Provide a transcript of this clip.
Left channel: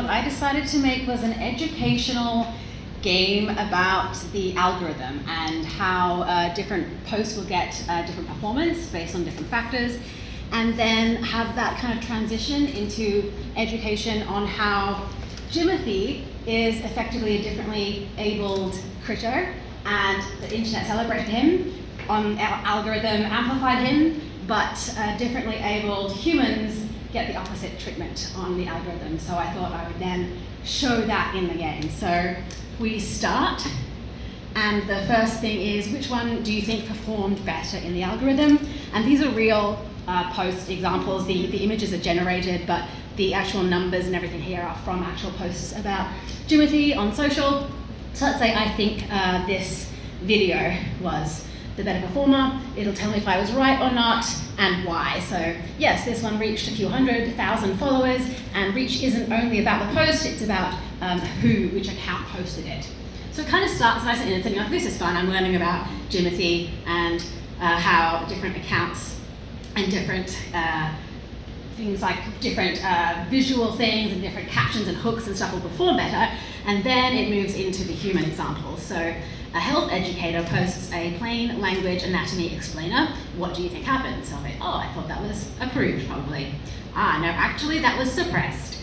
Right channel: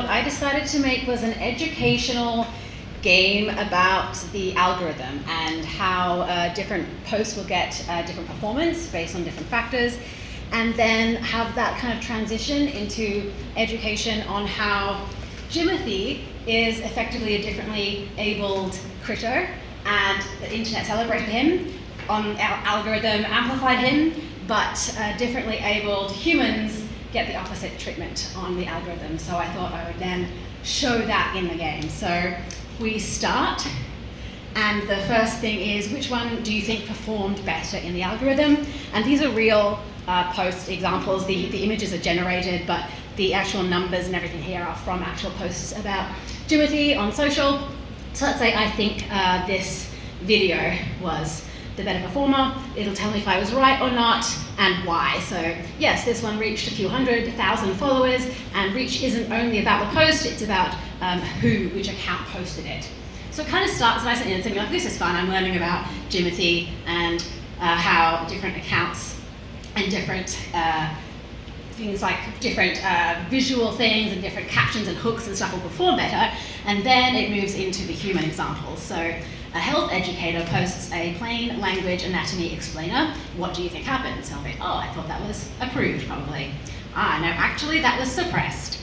what I decided to make was an educational game about the algorithm and how different posts will get different performance based on different factors, and then have that kind of transition into education on how Jimothy is effectively a differently abled critter, and the internet celebrated him, on algorithm amplified him, but differently abled humans get the opposite treatment on the algorithm. So I thought I would then show that in the game. So we start, and the first thing is, which one do you think performed better in the algorithm? And these are real post examples. The images are generated, but the actual numbers and everything here are from actual posts about Jimothy on social. So let's say I think this video was the better performer. It'll tell me if I was right or not and why. So yes, this one reached a few 100,000 followers, and reach isn't only about the post, it's about which account posted it. So it kind of starts nice and innocent, like, this is fun, I'm learning about Jimothy and how different accounts and different things like different visual things and different captions and hooks and stuff will perform better. And then it moves into the human examples. So a health educator posts a plain language anatomy explainer. What do you think happened? So I'm like, oh, I thought that was approved, probably. Ah, no, actually that was suppressed.